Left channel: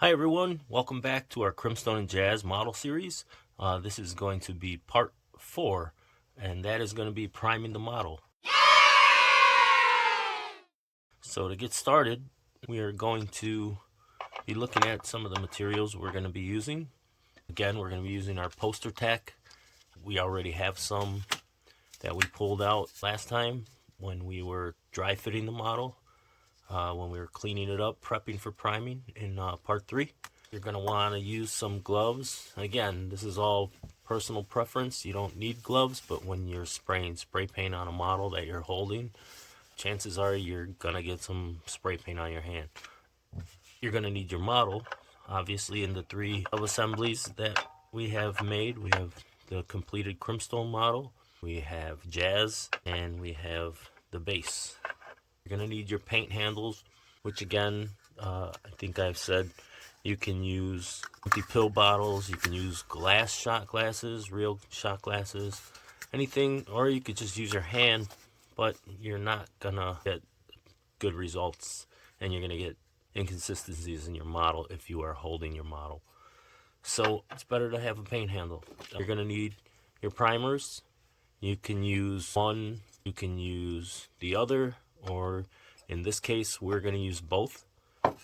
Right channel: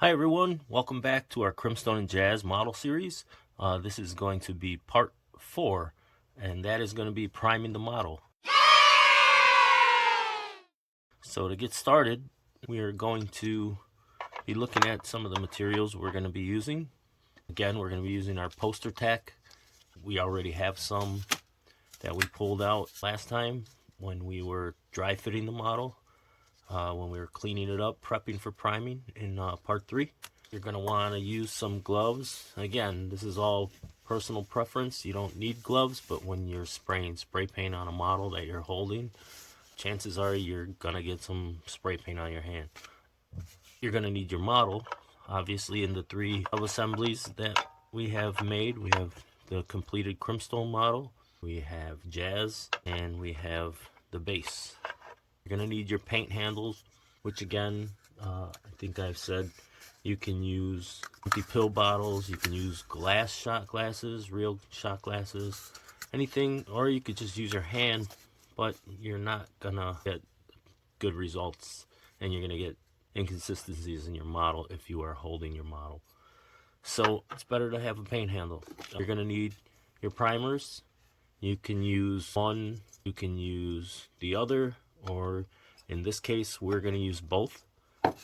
Hi everyone, welcome back to our CRIMSTONE and Jazz model series. This is going to be part 4, and that is going to be priming the model. So to get started, we are going to be looking at some of the materials we're going to be using. Again, we're going to be using our poster tack. We already have some that we pulled out last time when we were dry fitting the model, when we were cleaning it up, prepping for priming in part 3. You're going to want to use some gloves. Again, this is all personal preference. You don't need gloves, but when you're spraying spray paint on a model that you're holding, chances are you're going to get some spray paint on your hand. You're going to need your model, obviously, in the 3 assemblies that we have made. We have the completed CRIMSTONE model, we have Jazz, and we have the base. You're going to need your paint handles, which again, I think I've said, you can use empty pill bottles, you can use glass shot glasses, real shot glasses, anything, or you could just use your hand, but you're not gonna get good results and you're gonna get inconsistencies in your model if you are holding your model. So it's better to have a paint handle. You're gonna need your primers. You can use one, you can use the other, or in this case, we're gonna use both.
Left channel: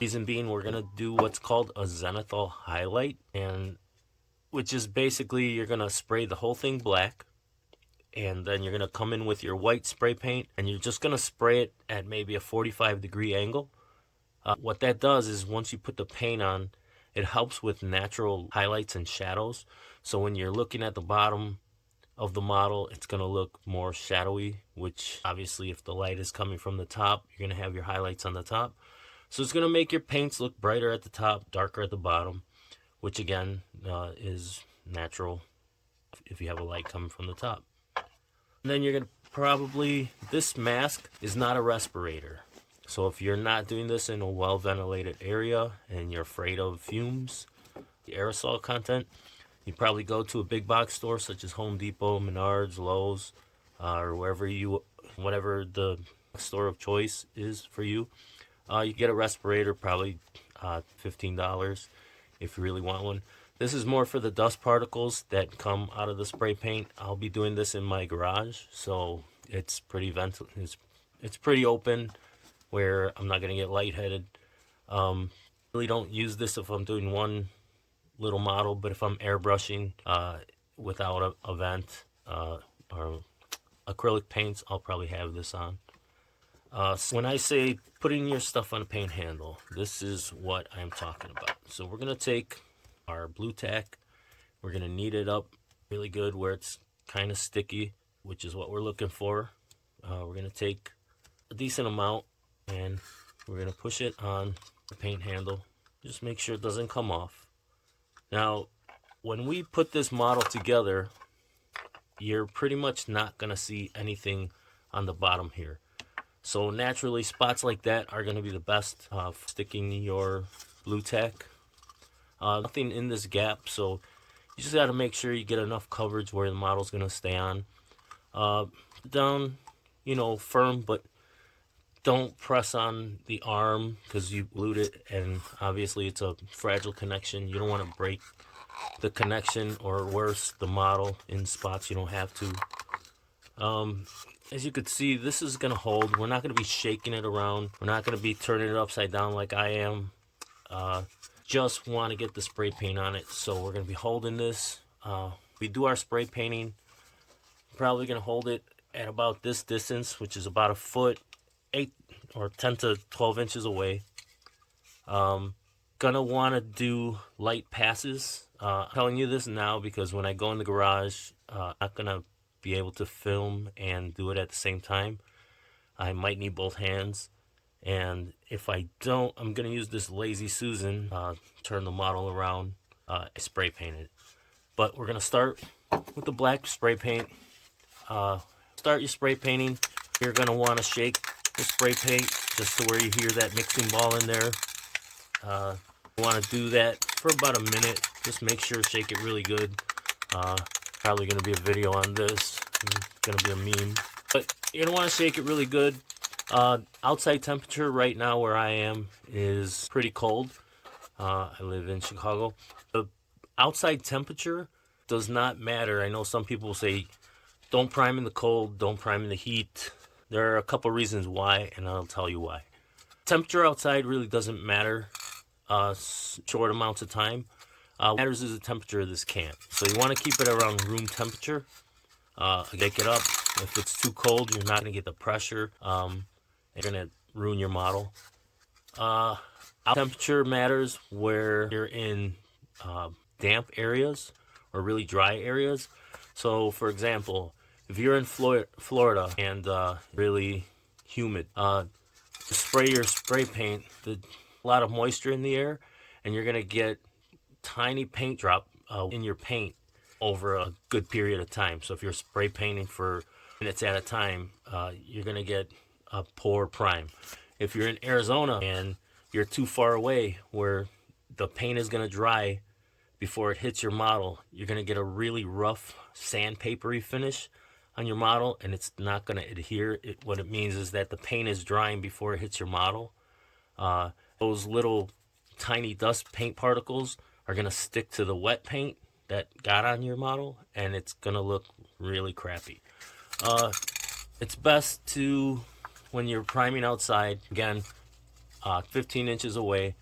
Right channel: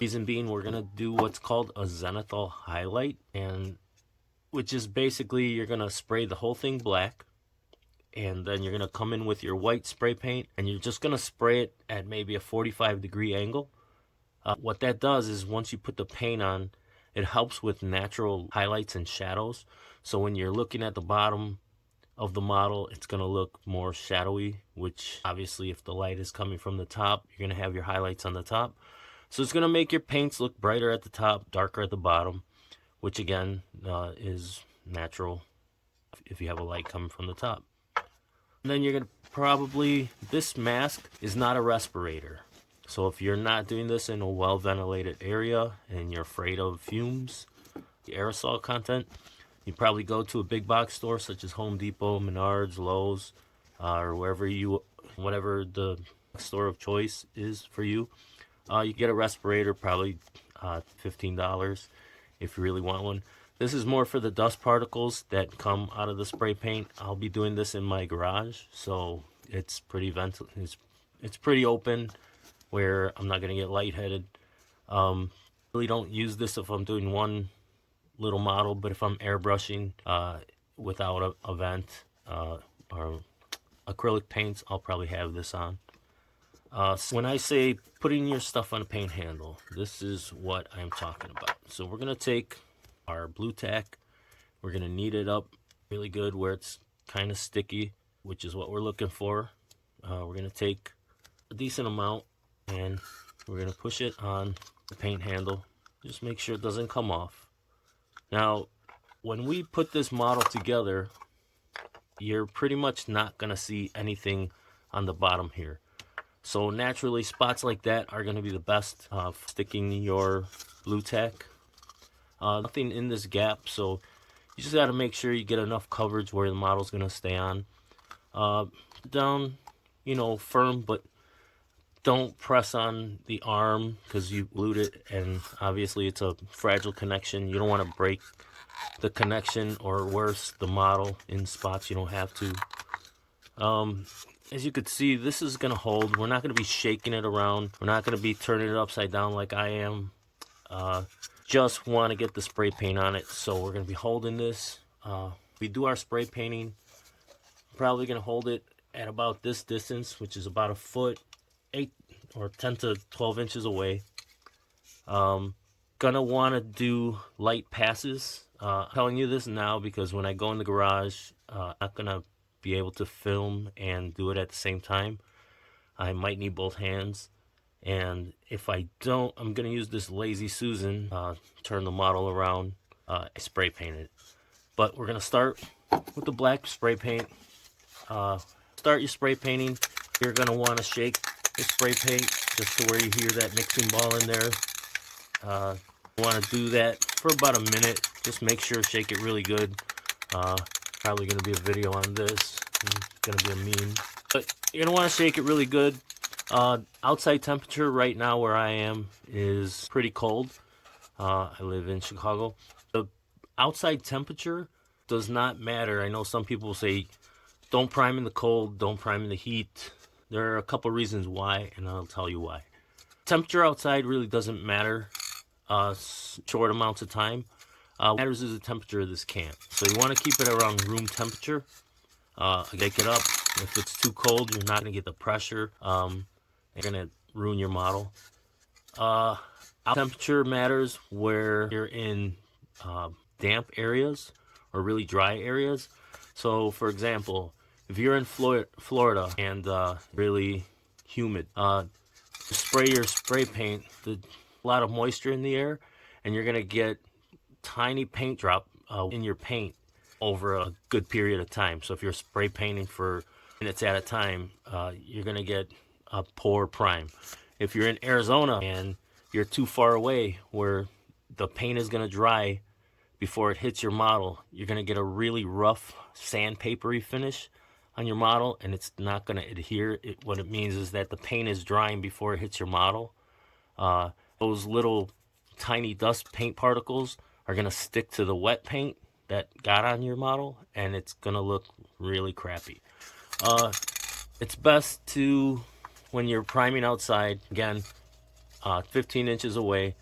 Reason being, we're going to do what's called a zenithal highlight, and which is basically you're going to spray the whole thing black, and then you're going to come in with your white spray paint, and you're just going to spray it at maybe a 45-degree angle. What that does is once you put the paint on, it helps with natural highlights and shadows. So when you're looking at the bottom of the model, it's going to look more shadowy, which obviously if the light is coming from the top, you're going to have your highlights on the top. So it's going to make your paints look brighter at the top, darker at the bottom, which again is natural if you have a light coming from the top. And then you're going to probably, this mask is not a respirator. So if you're not doing this in a well-ventilated area and you're afraid of fumes, aerosol content, you probably go to a big box store such as Home Depot, Menards, Lowe's, or whatever the store of choice is for you. You get a respirator, probably $15 if you really want one. This is more for the dust particles that come out of the spray paint. I'll be doing this in my garage, so it's pretty it's pretty open where I'm not going to get lightheaded. Really don't use this if I'm doing one little model, but if I'm airbrushing without a vent or acrylic paints, I'll probably have this on. So when I say putting your stuff on a paint handle, this is what I'm talking about. So we're going to take our blue tack, we're going to knead it up really good where it's kind of sticky, which is what we're looking for. We're going to take a decent amount and we're going to push it on the paint handle. Just make sure it doesn't come off. Now, when we put this model together, you're pretty much not going to see anything on the bottom here. So naturally, spots like that are going to be the best for sticking your blue tack. Nothing in this gap, so you just got to make sure you get enough coverage where the model's going to stay on. Down, firm, but don't press on the arm because you glued it, and obviously it's a fragile connection. You don't want to break the connection, or worse, the model in spots you don't have to. As you can see, this is going to hold. We're not going to be shaking it around. We're not going to be turning it upside down like I am. Just want to get the spray paint on it. So we're going to be holding this. We do our spray painting. Probably going to hold it at about this distance, which is about a foot, 8 or 10 to 12 inches away. Gonna want to do light passes. I'm telling you this now because when I go in the garage, I'm not going to be able to film and do it at the same time. I might need both hands, and if I don't, I'm going to use this Lazy Susan, turn the model around, spray paint it. But we're going to start with the black spray paint. Start your spray painting. You're going to want to shake the spray paint just to where you hear that mixing ball in there. You want to do that for about a minute. Just make sure, shake it really good. Probably going to be a video on this. It's going to be a meme. But you're going to want to shake it really good. Outside temperature right now where I am is pretty cold. I live in Chicago. The outside temperature does not matter. I know some people say don't prime in the cold, don't prime in the heat. There are a couple reasons why, and I'll tell you why. Temperature outside really doesn't matter short amounts of time. What matters is the temperature of this can. So you want to keep it around room temperature. Bake it up. If it's too cold, you're not going to get the pressure. You're going to ruin your model. Temperature matters where you're in damp areas or really dry areas. So, for example, if you're in Florida and really humid, spray your spray paint. A lot of moisture in the air, and you're going to get tiny paint drop in your paint over a good period of time. So if you're spray painting for minutes at a time, you're going to get a poor prime. If you're in Arizona and you're too far away where the paint is going to dry before it hits your model, you're going to get a really rough sandpapery finish on your model, and it's not going to adhere. What it means is that the paint is drying before it hits your model. Those little tiny dust paint particles are going to stick to the wet paint that got on your model, and it's going to look really crappy. It's best to, when you're priming outside, again, 15 inches away,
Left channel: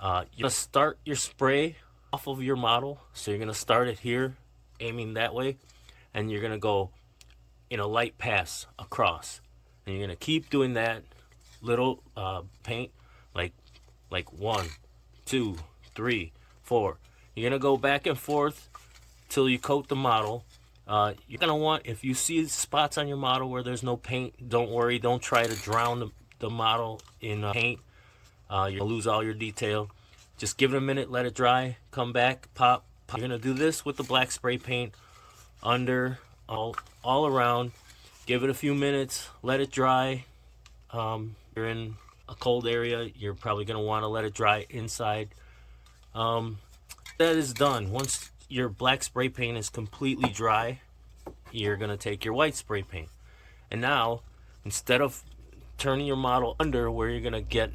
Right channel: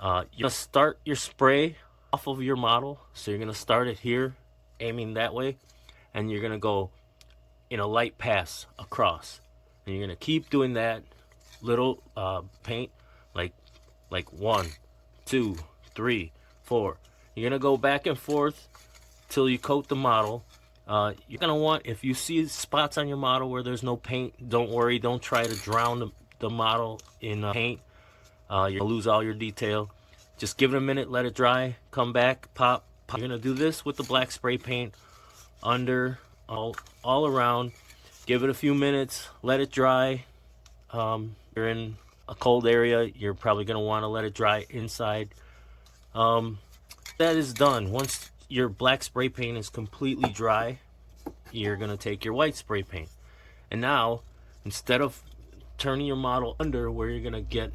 you're going to start your spray off of your model. So you're going to start it here, aiming that way, and you're going to go in a light pass across. And you're going to keep doing that little paint, like 1, 2, 3, 4. You're going to go back and forth till you coat the model. You're going to want, if you see spots on your model where there's no paint, don't worry. Don't try to drown the model in paint. You're going to lose all your detail. Just give it a minute, let it dry, come back, pop. You're going to do this with the black spray paint under, all around. Give it a few minutes, let it dry. You're in a cold area, you're probably going to want to let it dry inside. That is done. Once your black spray paint is completely dry, you're going to take your white spray paint. And now, instead of turning your model under where you're going to get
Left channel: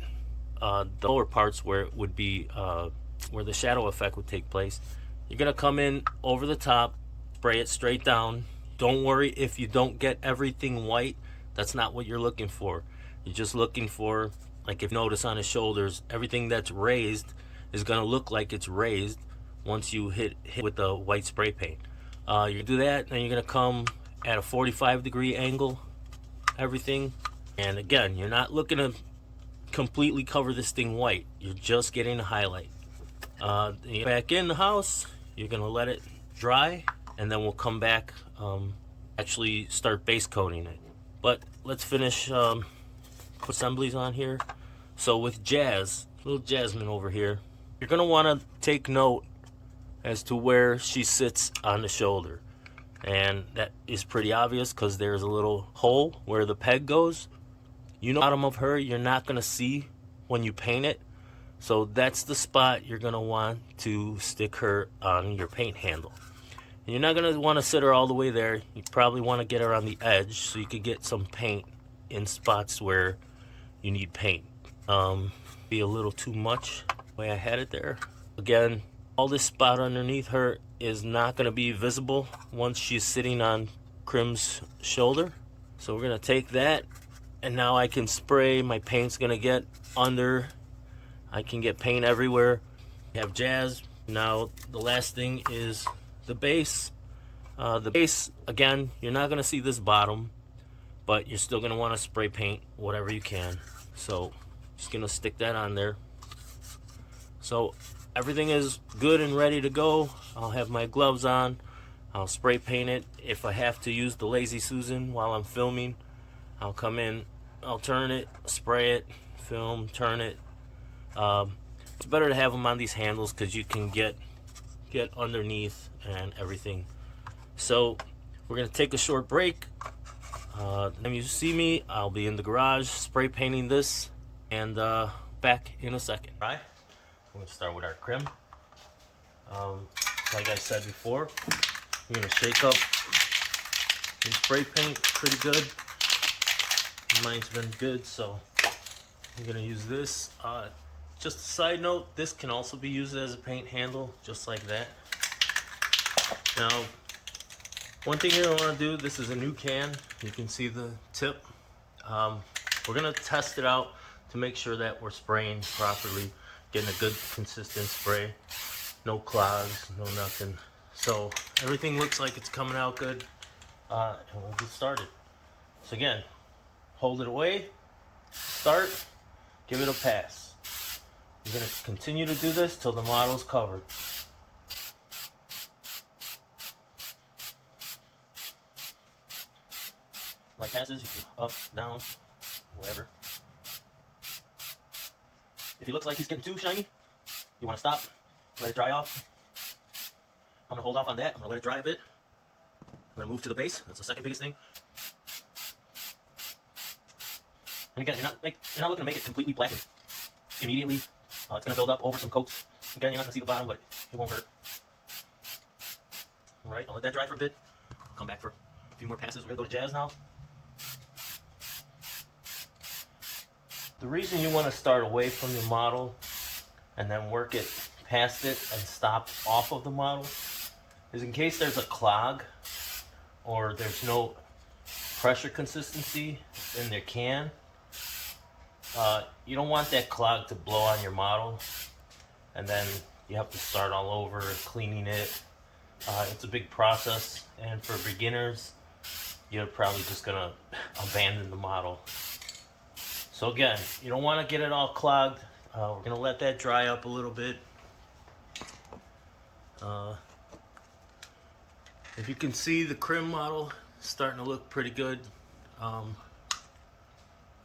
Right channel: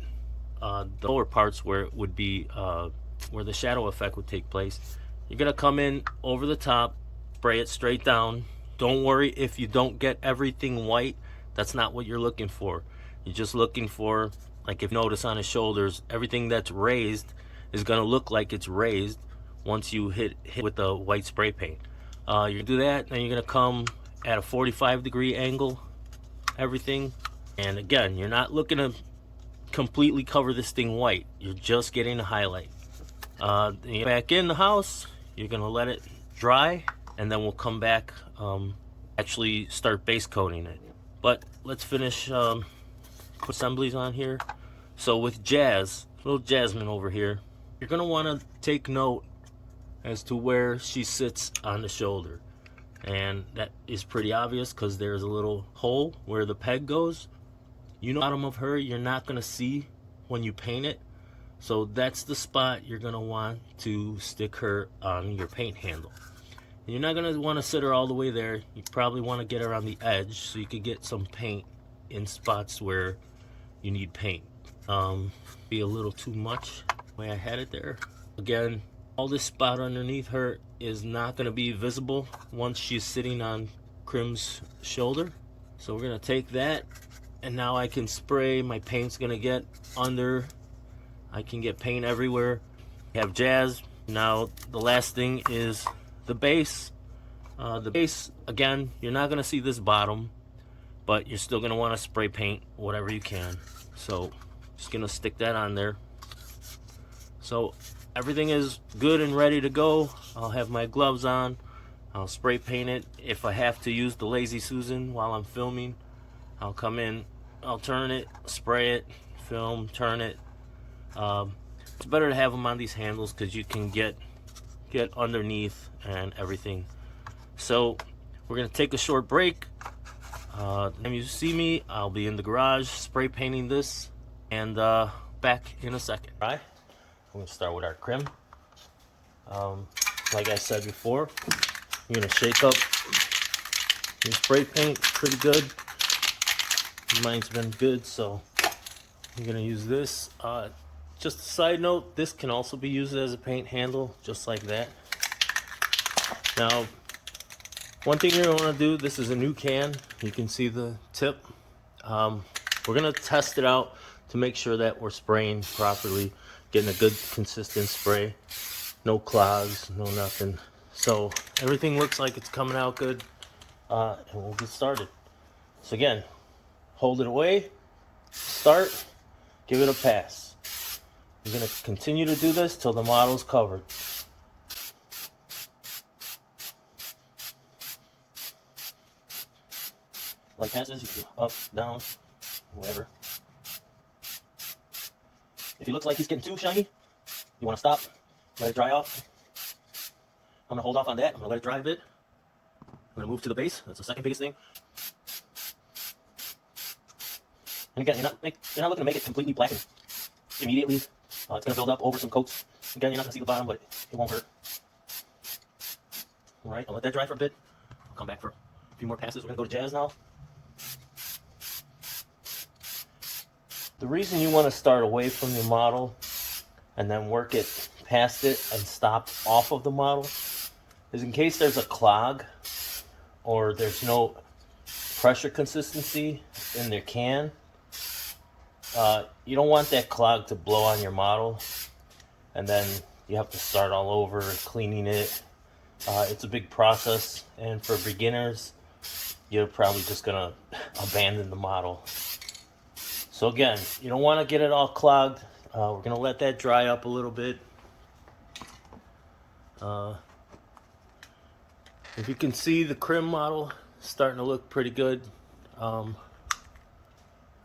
the lower parts where it would be where the shadow effect would take place, you're going to come in over the top, spray it straight down. Don't worry if you don't get everything white. That's not what you're looking for. You're just looking for, like if you notice on his shoulders, everything that's raised is going to look like it's raised once you hit with the white spray paint. You do that, and you're going to come at a 45-degree angle, everything. And again, you're not looking to completely cover this thing white. You're just getting a highlight. Back in the house, you're going to let it dry, and then we'll come back, actually start base coating it. But let's finish put assemblies on here. So with Jazz, little Jasmine over here, you're going to want to take note as to where she sits on the shoulder. And that is pretty obvious because there's a little hole where the peg goes. You know, the bottom of her, you're not going to see when you paint it. So that's the spot you're going to want to stick her on your paint handle. And you're not going to want to sit her all the way there. You probably want to get her on the edge so you can get some paint in spots where you need paint. Be a little too much the way I had it there. Again, all this spot underneath her is not going to be visible once she's sitting on CRIM's shoulder. So we're going to take that, and now I can spray. My paint's going to get under. I can get paint everywhere. Have Jazz. Now the last thing is the base. The base, again, you're not going to see this bottom, but you're still going to want to spray paint whatever you can. So just going to stick that on there. So everything is good and ready to go. I'll have my gloves on. I'll spray paint it. If I have to use the Lazy Susan while I'm filming, I'll come in, I'll turn it, spray it, film, turn it. It's better to have them on these handles because you can get underneath and everything. So we're going to take a short break. When you see me, I'll be in the garage spray painting this, and back in a second. All right, we're going to start with our CRIM. Like I said before, you're going to shake up your spray paint pretty good. Mine's been good, so I'm going to use this Just a side note, this can also be used as a paint handle, just like that. Now, one thing you're going to want to do, this is a new can. You can see the tip. We're going to test it out to make sure that we're spraying properly, getting a good consistent spray. No clogs, no nothing. So everything looks like it's coming out good. And we'll get started. So again, hold it away, start, give it a pass. We're going to continue to do this till the model's covered. Like passes, you go up, down, whatever. If he looks like he's getting too shiny, you want to stop, let it dry off. I'm going to hold off on that. I'm going to let it dry a bit. I'm going to move to the base. That's the second biggest thing. And again, you're not looking to make it completely blackened immediately. It's going to build up over some coats. Again, you're not going to see the bottom, but it won't hurt. Alright, I'll let that dry for a bit. Come back for a few more passes. We're going to go to Jazz now. The reason you want to start away from your model and then work it past it and stop off of the model is in case there's a clog or there's no pressure consistency in their can. You don't want that clog to blow on your model and then you have to start all over cleaning it. It's a big process, and for beginners you're probably just gonna abandon the model. So again, you don't want to get it all clogged. We're going to let that dry up a little bit. If you can see, the CRIM model is starting to look pretty good.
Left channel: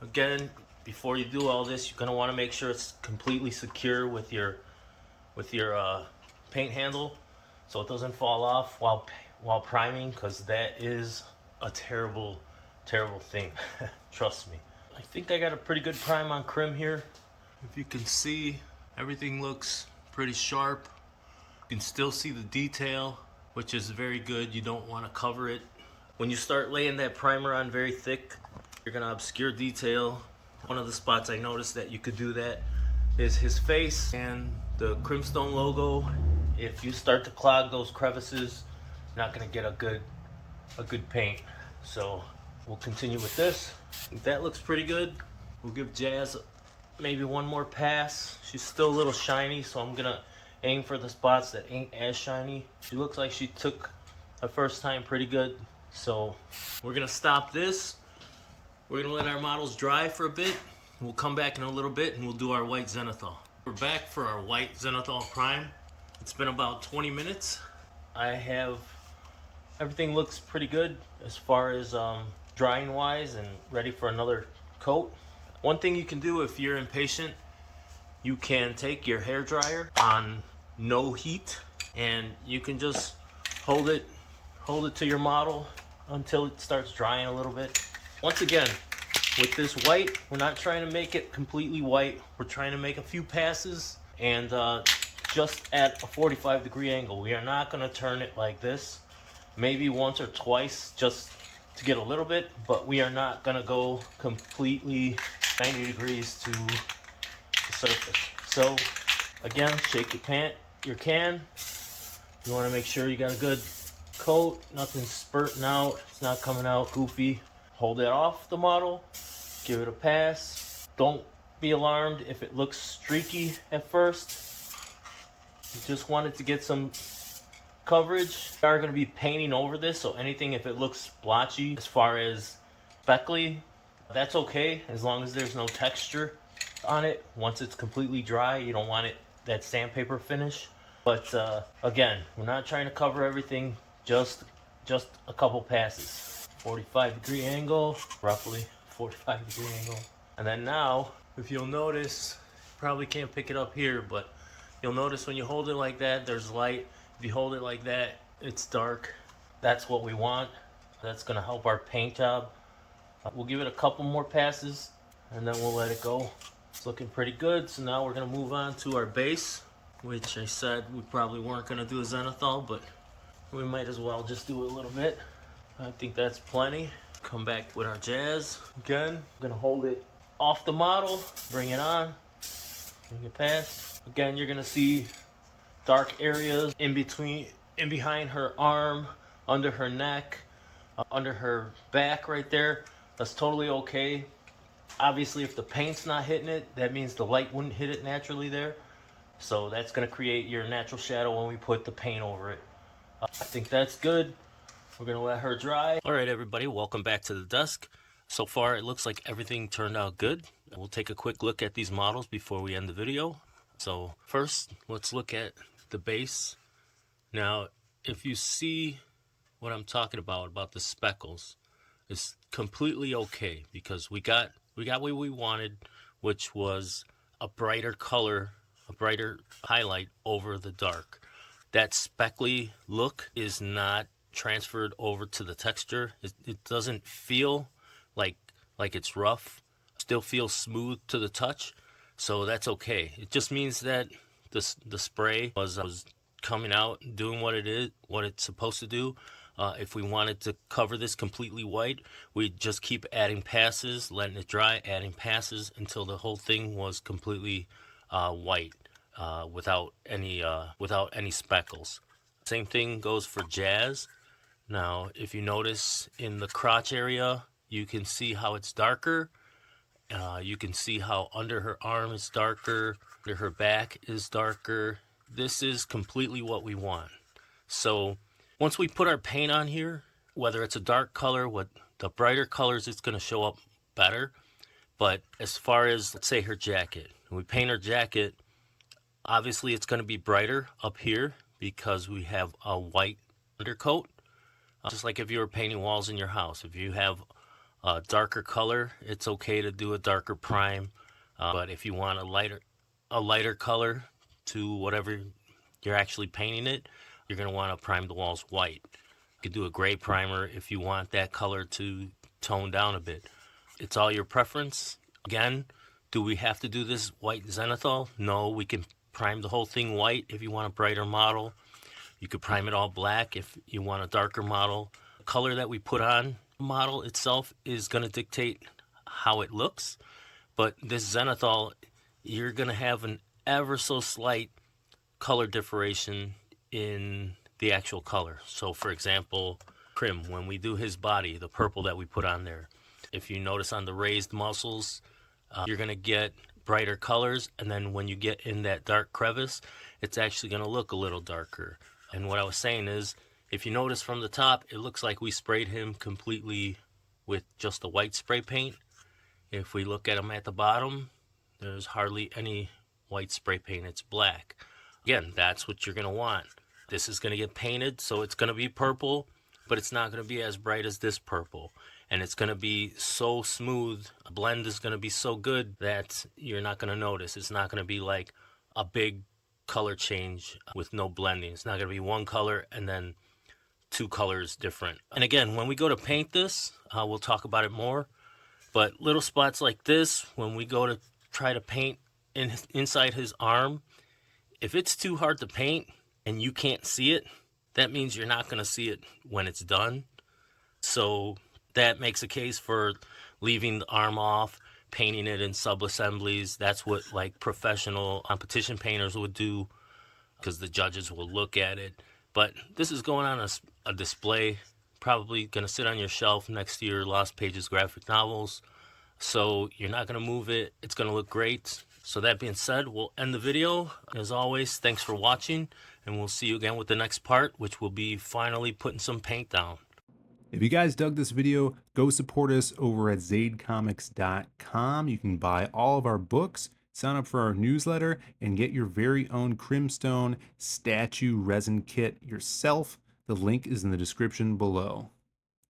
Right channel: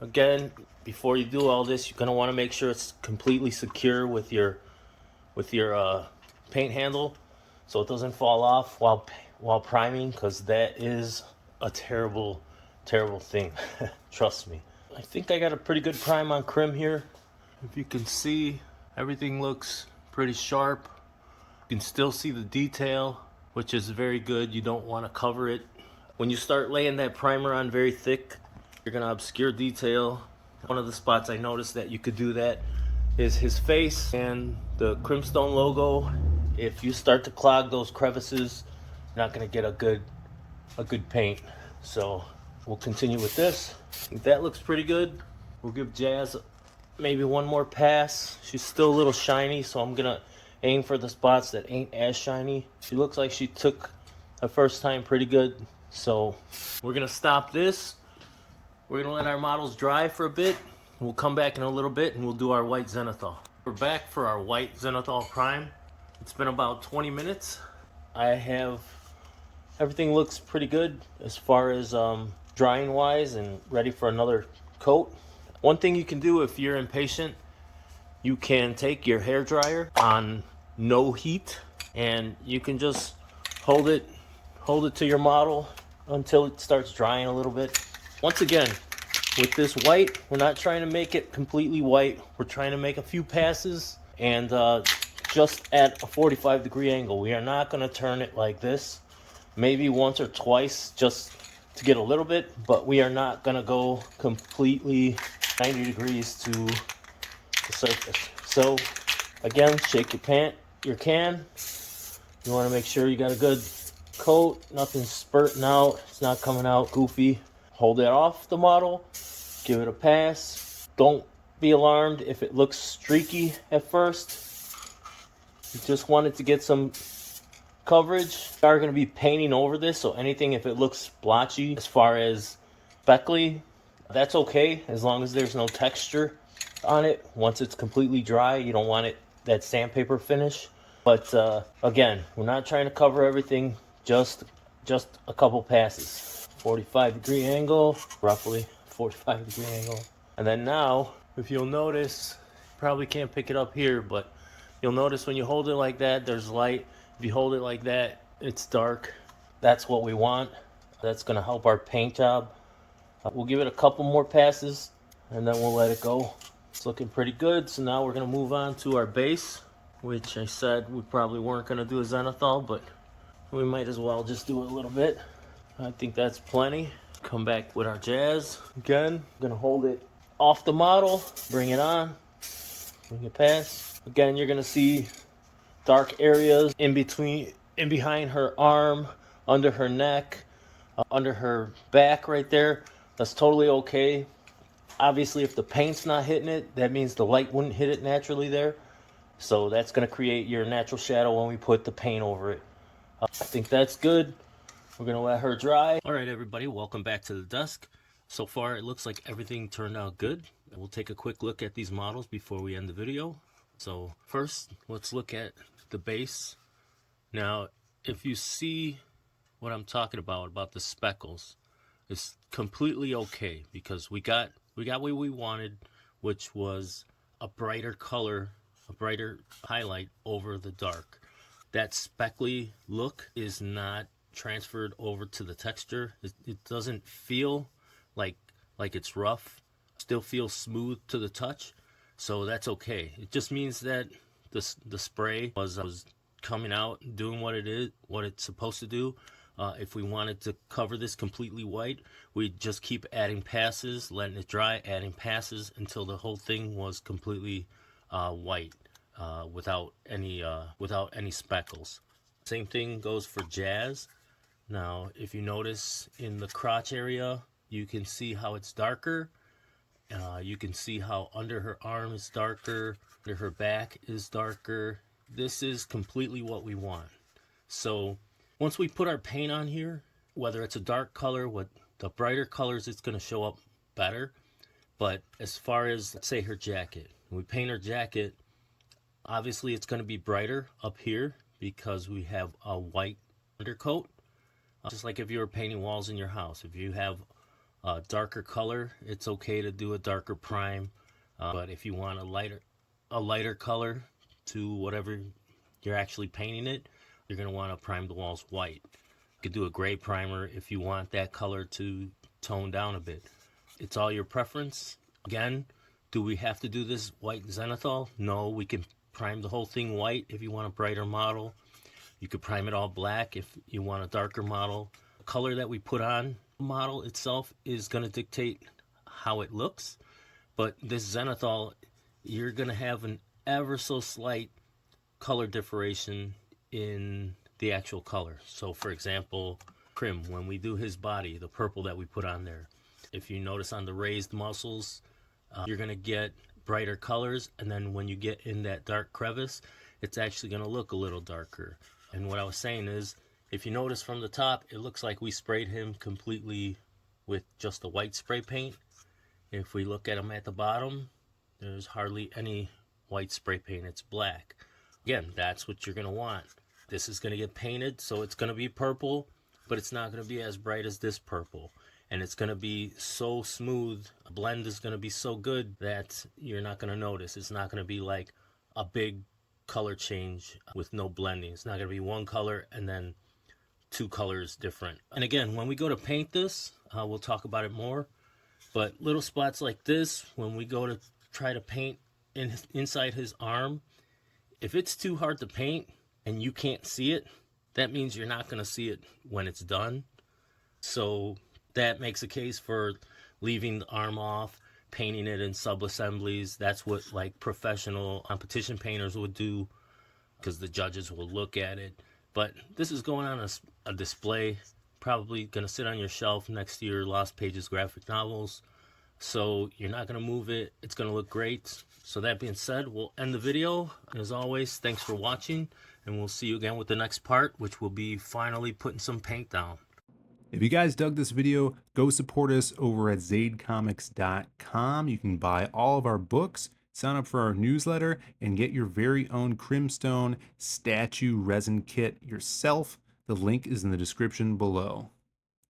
Again, before you do all this, you're going to want to make sure it's completely secure with your paint handle, so it doesn't fall off while priming, because that is a terrible thing. Trust me. I think I got a pretty good prime on CRIM here. If you can see, everything looks pretty sharp. You can still see the detail, which is very good. You don't want to cover it. When you start laying that primer on very thick, you're going to obscure detail. One of the spots I noticed that you could do that is his face and the CRIMSTONE logo. If you start to clog those crevices, you're not going to get a good paint. So we'll continue with this. I think that looks pretty good. We'll give Jazz maybe one more pass. She's still a little shiny, so I'm gonna aim for the spots that ain't as shiny. She looks like she took the first time pretty good. So we're gonna stop this. We're gonna let our models dry for a bit. We'll come back in a little bit and we'll do our white Zenithal. We're back for our white Zenithal Prime. It's been about 20 minutes. Everything looks pretty good as far as drying wise and ready for another coat. One thing you can do if you're impatient, you can take your hair dryer on no heat and you can just hold it to your model until it starts drying a little bit. Once again, with this white, we're not trying to make it completely white. We're trying to make a few passes and just at a 45-degree angle. We are not going to turn it like this. Maybe once or twice just to get a little bit, but we are not going to go completely 90 degrees to the surface. So again, shake your can. You want to make sure you got a good coat, nothing's spurting out, it's not coming out goofy. Hold it off the model, give it a pass. Don't be alarmed if it looks streaky at first. You just want it to get some coverage. We are going to be painting over this, so anything if it looks blotchy as far as speckly, that's okay as long as there's no texture on it. Once it's completely dry, you don't want that sandpaper finish. But again, we're not trying to cover everything, just a couple passes. 45-degree angle, roughly 45-degree angle. And then now, if you'll notice, probably can't pick it up here, but you'll notice when you hold it like that, there's light. If you hold it like that, it's dark. That's what we want. That's going to help our paint job. We'll give it a couple more passes and then we'll let it go. It's looking pretty good. So now we're going to move on to our base, which I said we probably weren't going to do a Zenithal, but we might as well just do a little bit. I think that's plenty. Come back with our Jazz again. I'm going to hold it off the model, bring it on, Bring it past. Again, you're gonna see dark areas in between, in behind her arm, under her neck, under her back right there. That's totally okay. Obviously, if the paint's not hitting it, that means the light wouldn't hit it naturally there. So that's going to create your natural shadow when we put the paint over it. I think that's good. We're going to let her dry. All right, everybody, welcome back to the desk. So far, it looks like everything turned out good. We'll take a quick look at these models before we end the video. So first, let's look at the base. Now, if you see what I'm talking about the speckles, it's completely okay because we got what we wanted, which was a brighter color, a brighter highlight over the dark. That speckly look is not transferred over to the texture. It doesn't feel like it's rough. Still feels smooth to the touch, so that's okay. It just means that the spray was coming out, doing what it's supposed to do. If we wanted to cover this completely white, we'd just keep adding passes, letting it dry, adding passes until the whole thing was completely white, without any speckles. Same thing goes for Jazz. Now, if you notice in the crotch area, you can see how it's darker. You can see how under her arm is darker, under her back is darker. This is completely what we want. So once we put our paint on here, whether it's a dark color, what the brighter colors, it's going to show up better. But as far as, let's say, her jacket, when we paint her jacket, obviously it's going to be brighter up here because we have a white undercoat. Just like if you were painting walls in your house, if you have a darker color, it's okay to do a darker prime. But if you want a lighter color to whatever you're actually painting it, you're going to want to prime the walls white. You could do a gray primer if you want that color to tone down a bit. It's all your preference. Again, do we have to do this white Zenithal? No, we can prime the whole thing white if you want a brighter model. You could prime it all black if you want a darker model. The color that we put on the model itself is going to dictate how it looks. But this Zenithal, you're going to have an ever so slight color differentiation in the actual color. So for example, CRIM, when we do his body, the purple that we put on there, if you notice on the raised muscles, you're going to get brighter colors, and then when you get in that dark crevice, it's actually going to look a little darker. And what I was saying is, if you notice from the top, it looks like we sprayed him completely with just the white spray paint. If we look at him at the bottom, there's hardly any white spray paint, it's black. Again, that's what you're going to want. This is going to get painted, so it's going to be purple, but it's not going to be as bright as this purple. And it's going to be so smooth, a blend is going to be so good that you're not going to notice. It's not going to be like a big color change with no blending. It's not going to be one color and then two colors different. And again, when we go to paint this, we'll talk about it more. But little spots like this, when we go to try to paint inside his arm, if it's too hard to paint and you can't see it, that means you're not going to see it when it's done. So that makes a case for leaving the arm off, painting it in sub-assemblies. That's what like professional competition painters would do because the judges will look at it. But this is going on a display, probably going to sit on your shelf next to your Lost Pages graphic novels. So you're not going to move it. It's going to look great. So that being said, we'll end the video. As always, thanks for watching, and we'll see you again with the next part, which will be finally putting some paint down. If you guys dug this video, go support us over at zadecomics.com. You can buy all of our books, sign up for our newsletter, and get your very own CRIMSTONE statue resin kit yourself. The link is in the description below.